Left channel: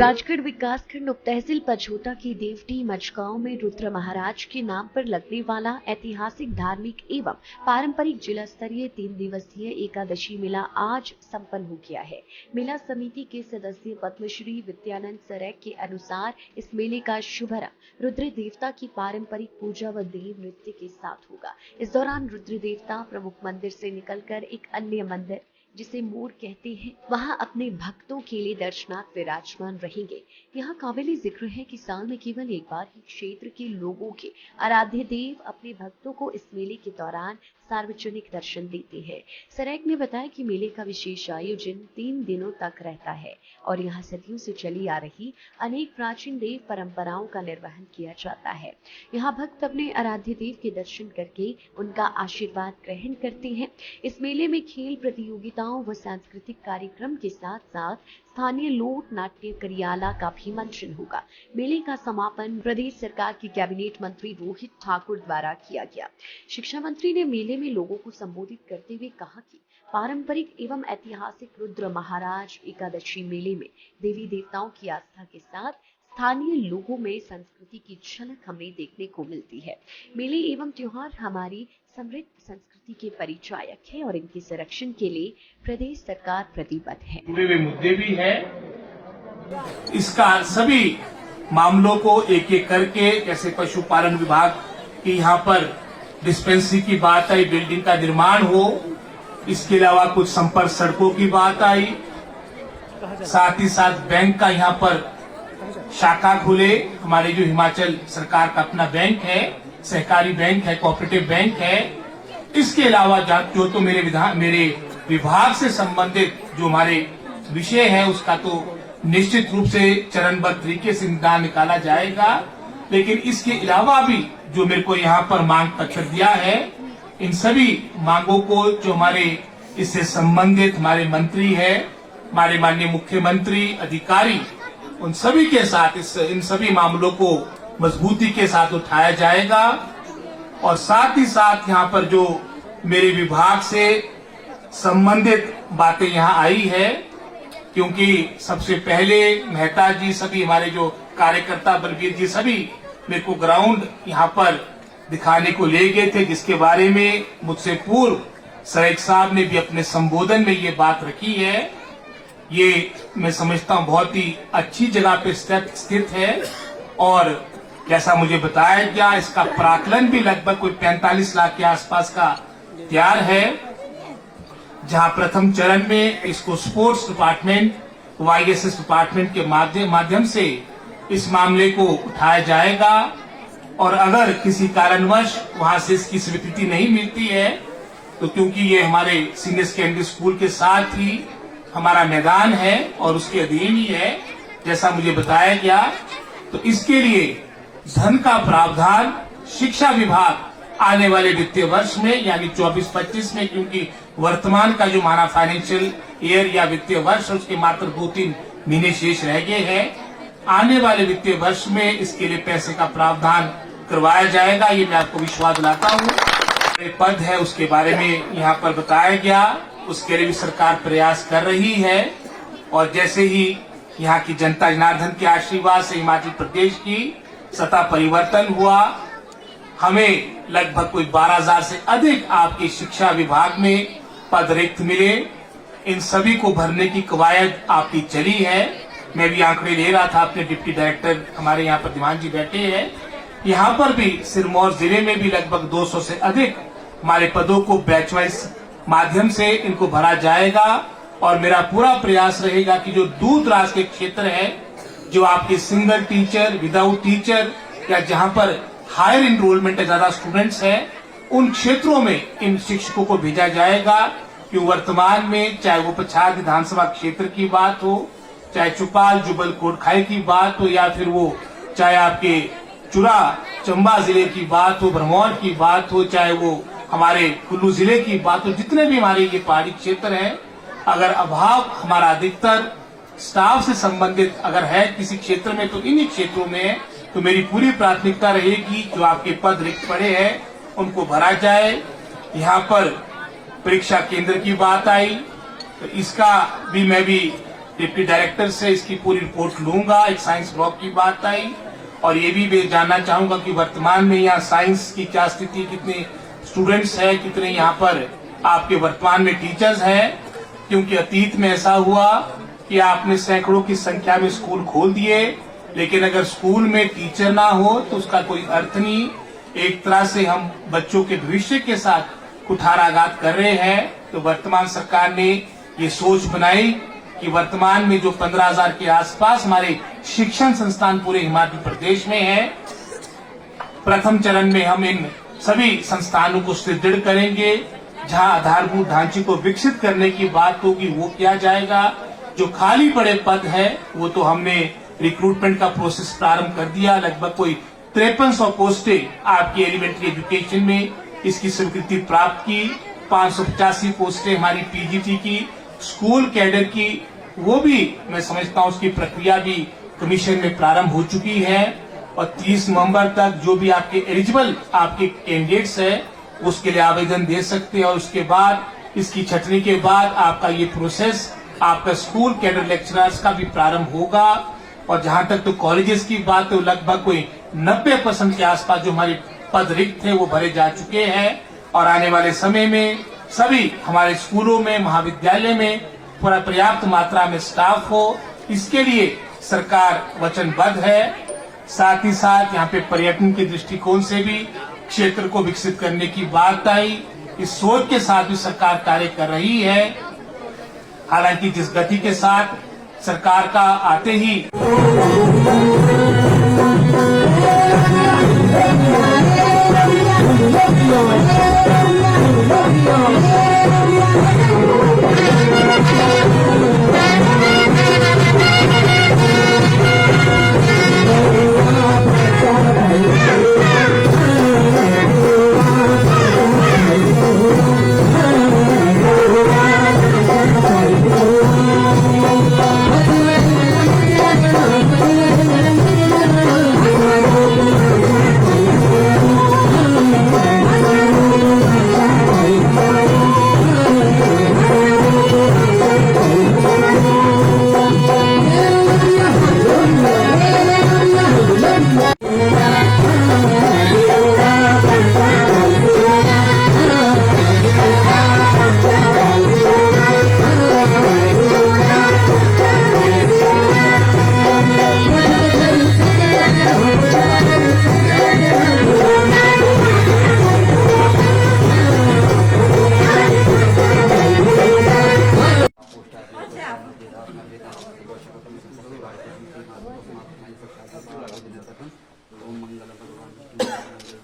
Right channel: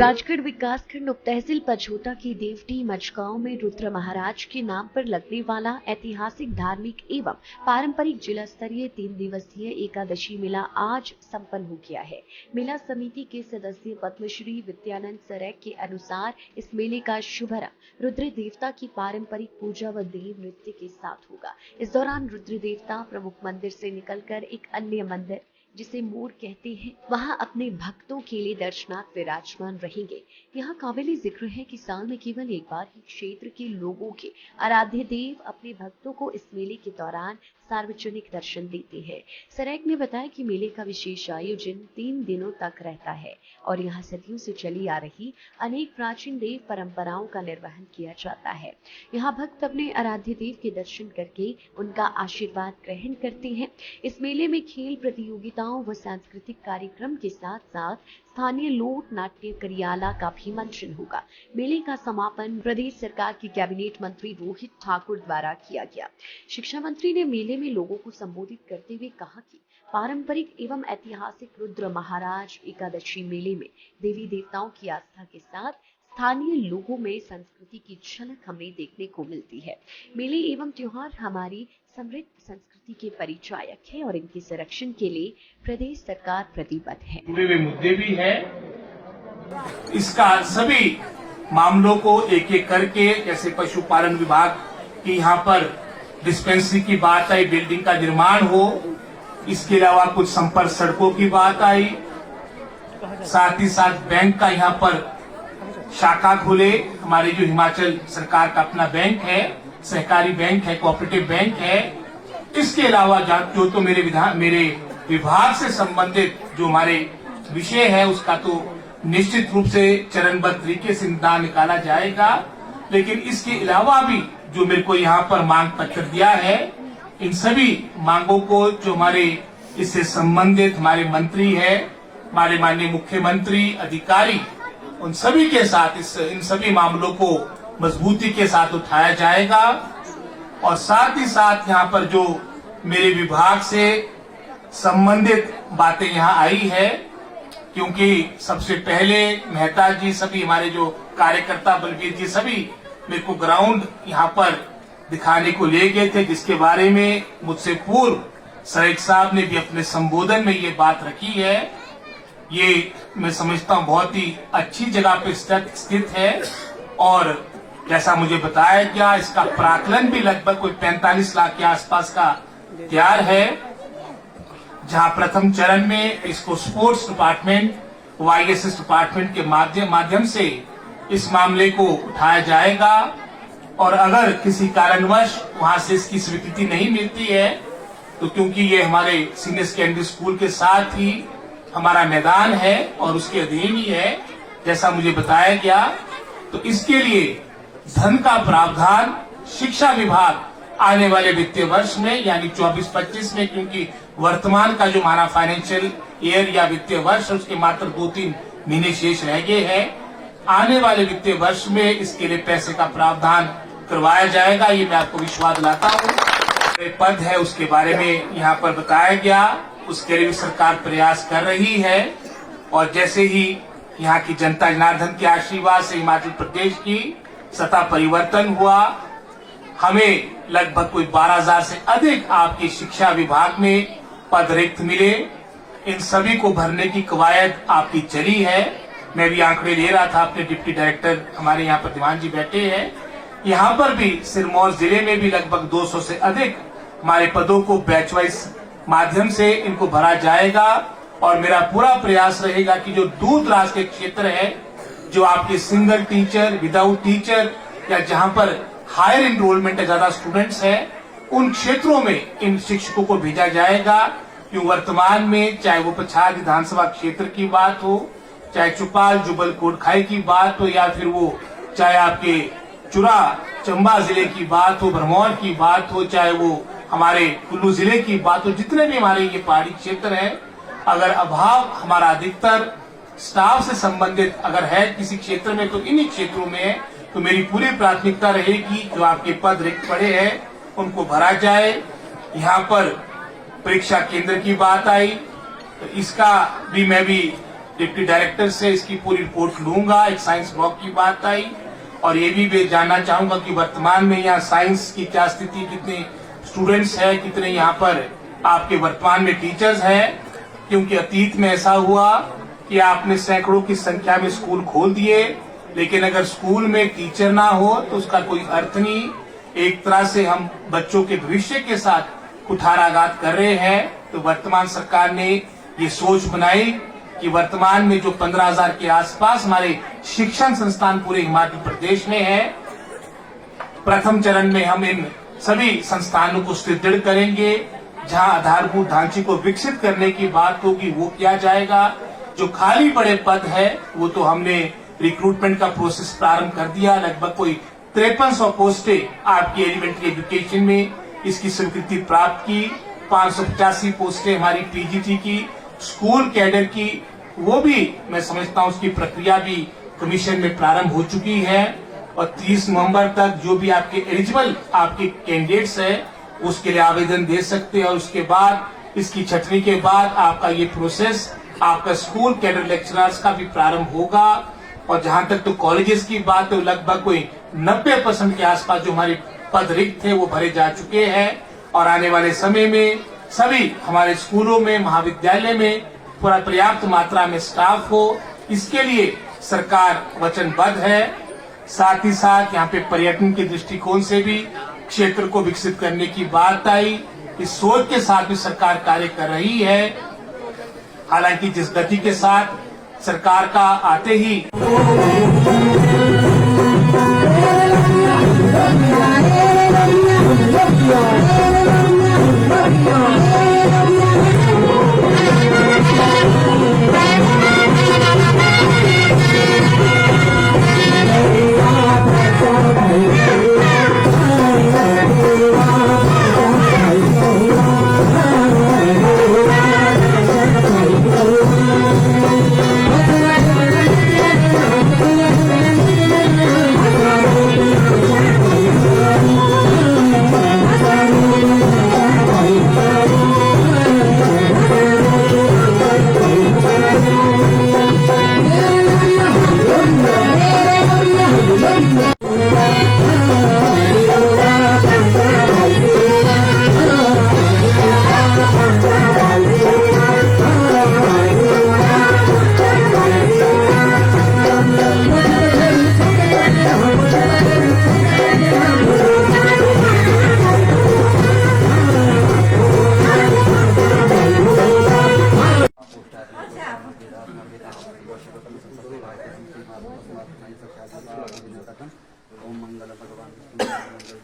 राजगढ़ विकासखंड उप तहसील पछोटा की देवटी मचगांव में रुद्र महाराज के नाम पर लगने वाला ऐतिहासिक धार्मिक एवं पारंपरिक जिला स्तरीय 3 दिवसीय एकादशी मेला आज संपन्न हो गया है। मेला समिति के सदस्य पद्मश्री विद्यानंद सरेक के अनुसार इस मेले का शुभारंभ रुद्र देवता की पारंपरिक पूजा व देव नृत्य के साथ होगा। इस दौरान रुद्र देवता प्रमुख मंदिर से निकलकर एक अन्य मंदिर जिसे मोर कहते हैं वहां अपने भक्तों के लिए दर्शनार्थ विराजमान रहेंगे। यहाँ काबिले जिक्र है कि साल में केवल एक बार ही क्षेत्र के लोगों के आराध्य देव अपने भक्तों को इस मेले के दौरान सार्वजनिक दर्शन देते हैं। सरेक ने बताया कि मेले का विशेष आयोजन 3 दिनों तक रहता है और यहाँ सदियों से चली आ रही अनेक प्राचीन देव परंपराओं का निर्वहन किया जाता है। यहाँ भक्त अपने आराध्य देव के दर्शन करके उनका आशीर्वाद ग्रहण करते हैं। इस मेले में खेल प्रतियोगिताओं व सांस्कृतिक कार्यक्रम के साथ साथ स्थानीय लोक नाट्य करियाला का भी मंचन होगा। मेले का समापन प्रदेश सरकार की कैबिनेट मंत्री रोहित ठाकुर द्वारा किया गया। शिक्षा मंत्री ने मेले में लोगों को संबोधित करते हुए कहा कि पारंपरिक एवं ऐतिहासिक रुद्र महाराज एकादशी मेले में देवी देवताओं की आस्था के साथ स्थानीय लोगों में संस्कृति की झलक हमें देखने को मिलती है। मेले एवं त्योहार हमारी समृद्ध संस्कृति के परिचायक है और इनके संरक्षण के लिए प्रदेश सरकार प्रतिबद्ध है। जुड़े हुए मुद्दे भी है, इसका सभी मामलों को एक एक करके, जैसे पशुपालन विभाग की यहाँ पर डिस्पेंसरी की बात आई, बिल्डिंग का निर्माण हो, इसके अलावा कुछ संपर्क सड़कों की बात आई, साथ ही साथ बैंक का यहाँ पर शाखा खुले। हमारे जो हिमाचल सरकार का अपना बैंक है, सहकारी बैंक है, कोऑपरेटिव बैंक है। इसके अलावा जो तो मेरे विभाग से संबंधित जो हमारे विषय है उसका तो निश्चित रूप से चरणबद्ध तरीके से निदान निकाला जाएगा। लेकिन इसके अलावा भी जो मेरे को यहाँ पर मांग पत्र दिया है, इन सभी मांगों को जो हमारे इससे संबंधित हमारे मंत्री है, हमारे माननीय मुख्यमंत्री, अधिकारी, उन सभी के साथ इन सभी मामलों को मजबूती के साथ उठाया जाएगा। और साथ ही साथ यहाँ पर जो मेरे विभाग से संबंधित बातें यहाँ आई है, क्योंकि सबसे पहले मेहता जी, सभी हमारे जो कार्यकर्ता बलबीर जी, सभी मेरे को ग्राउंड यहाँ पर दिखाने को ले गए थे, जिसके बारे में मुझसे पूर्व सरेक साहब ने भी अपने संबोधन में ये बात रखी है। ये मैं समझता हूँ बहुत ही अच्छी जगह पे स्थित है और जैसा मुझे बताया गया, इसका प्राकलन भी लगभग कोई 45 लाख के आसपास का तैयार है, जहां प्रथम चरण में इसको स्पोर्ट्स डिपार्टमेंट, वाईएसएस डिपार्टमेंट के माध्यम से इस मामले को उठाया जाएगा। और अगर किसी कारणवश वहां से इसकी स्वीकृति नहीं मिलती है, तो क्योंकि ये हमारे सीनियर सेकेंडरी स्कूल के साथ ही हमारा मैदान है और उसके अधीन ही है, जैसा मुझे बताया गया, तो इसके लिए धन का प्रावधान शिक्षा विभाग आने वाले वित्तीय वर्ष में यानी 24-25 में, क्योंकि वर्तमान का जो हमारा फाइनेंशियल ईयर या वित्तीय वर्ष उसके मात्र 2-3 महीने शेष रह गए हैं, आने वाले वित्तीय वर्ष में इसके लिए पैसे का प्रावधान करवाया जाएगा। ये मैं आपको विश्वास दिलाता हूँ। एक पद है उसके बारे में यहाँ पर बताया गया, उसके लिए भी सरकार प्रयास कर रही है। और जैसे ही यहाँ की जनता जनार्दन के आशीर्वाद से हिमाचल प्रदेश की सत्ता परिवर्तन हुआ, हमें लगभग कोई 12,000 से अधिक आपके शिक्षा विभाग में पद रिक्त मिले। इन सभी को भरने की कवायद आपकी चली है। मैं भी आंकड़े ले रहा था, अपने डिप्टी डायरेक्टर हमारे यहाँ पर दीवान जी बैठे हैं, यहाँ पर भी सिरमौर जिले में भी लगभग 200 से अधिक हमारे पदों को बैच वाइज माध्यम से इनको भरा जाएगा। और मेरा पूरा प्रयास रहेगा कि जो दूर दराज के क्षेत्र है, जो आपके सिंगल टीचर, विदाउट टीचर, या जहां पर हायर इनरोलमेंट है, ज्यादा स्टूडेंट्स है, उन क्षेत्रों में इन शिक्षकों को भेजा जाएगा। कि वर्तमान में चाहे वो पछाड़ विधानसभा क्षेत्र की बात हो, चाहे चुपाल जुबल कोटखाई की बात हो, या फिर वो चाहे आपके चुरा चंबा जिले की बात हो, भरमौर की बात हो, चाहे वो हमारे कुल्लू जिले की बात हो, जितने भी हमारे ये पहाड़ी क्षेत्र है, अगर अभाव हमारा अधिकतर स्टाफ से संबंधित अगर है किसी क्षेत्र में, तो इन्हीं क्षेत्रों में है, तो मेरी पूरी प्राथमिकता रहेगी जो आपके पद रिक्त पड़े हैं उनको भरा जाए। यहाँ पर परीक्षा केंद्र की बात आई, तो इसका भी मैं भी डिप्टी डायरेक्टर से इसकी पूरी रिपोर्ट लूंगा। एक साइंस ब्लॉक की बात आई और ये भी मैं जानना चाहूंगा कि वर्तमान में यहाँ साइंस की क्या स्थिति, कितने स्टूडेंट्स है, कितने यहाँ पर आपके वर्तमान में टीचर्स है, क्योंकि अतीत में ऐसा हुआ कि आपने सैकड़ों की संख्या में स्कूल खोल दिए, लेकिन अगर स्कूल में टीचर ना हो तो उसका कोई अर्थ नहीं। एक तरह से हम बच्चों के भविष्य के साथ कुठाराघात कर रहे हैं। तो वर्तमान सरकार ने ये सोच बनाई कि वर्तमान में जो 15,000 के आसपास हमारे शिक्षण संस्थान पूरे हिमाचल प्रदेश में है, प्रथम चरण में हम इन सभी संस्थानों को सुदृढ़ करेंगे। जहां आधारभूत ढांचे को विकसित करने की बात होगी वो किया जाएगा। जो खाली पड़े पद है वो तो हमने रिक्रूटमेंट का प्रोसेस प्रारंभ कर दिया। लगभग कोई 5300 पोस्टें आपकी एलिमेंट्री एजुकेशन में इसकी स्वीकृति प्राप्त की। 585 पोस्टें हमारी पीजीटी की, स्कूल कैडर की, वो भी मैं समझता हूं उसकी प्रक्रिया भी कमीशन में प्रारंभ हो चुकी है। और 30 नवंबर तक जो भी आपके एलिजिबल आपके कैंडिडेट्स है उसके लिए आवेदन दे सकते हैं। और उसके बाद इसकी छटनी के बाद आपका ये प्रोसेस आपका स्कूल कैडर लेक्चरर्स का भी प्रारंभ होगा। और जहां तक तो कॉलेजेस की बात है, लगभग कोई 90% के आसपास जो हमारे पद रिक्त थे वो भरे जा चुके हैं। और आने वाले समय में सभी हमारे स्कूलों में, महाविद्यालय में पूरा पर्याप्त मात्रा में स्टाफ हो, इसके लिए सरकार वचनबद्ध है। साथ ही साथ यहाँ पे पर्यटन के दृष्टिकोण से भी क्षेत्र को विकसित करने की बात आई। इस सोच के साथ भी सरकार कार्य कर रही है। हालांकि जिस गति के साथ सरकार का आते ही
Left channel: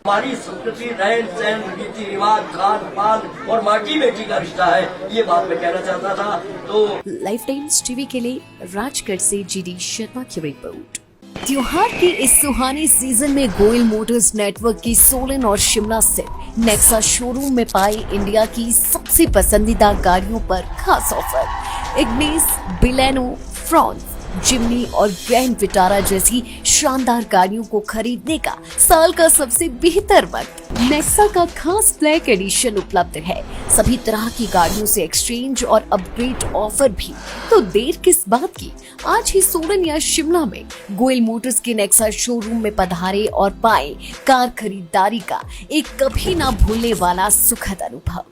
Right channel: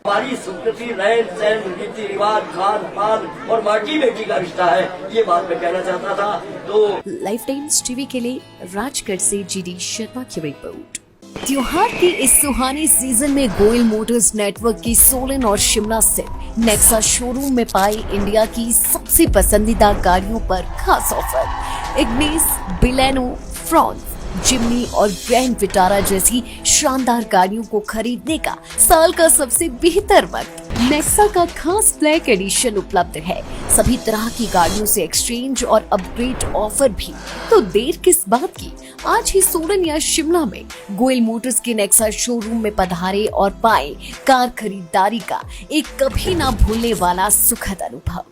हमारी संस्कृति, रहन सहन, रीति रिवाज, खान पान और माटी बेटी का रिश्ता है, ये बात मैं कहना चाहता था। तो लाइफ टाइम्स टीवी के लिए राजगढ़ से जीडी शर्मा की रिपोर्ट। त्योहार के इस सुहाने सीजन में गोयल मोटर्स नेटवर्क की सोलन और शिमला स्थित नेक्सा शोरूम में पाए इंडिया की सबसे पसंदीदा गाड़ियों पर खास ऑफर। इग्निस, बिलेनो, फ्रॉन्स, जिम्नी और ग्रैंड विटारा जैसी शानदार गाड़ियों को खरीदने का साल का सबसे बेहतर वक्त। नेक्सा का खास ब्लैक एडिशन उपलब्ध है। सभी तरह की गाड़ियों से एक्सचेंज और अपग्रेड ऑफर भी। तो देर किस बात की, आज ही सोलन या शिमला में गोयल मोटर्स के नेक्सा शोरूम में पधारे और पाए कार खरीदारी का एक कभी ना भूलने वाला सुखद अनुभव।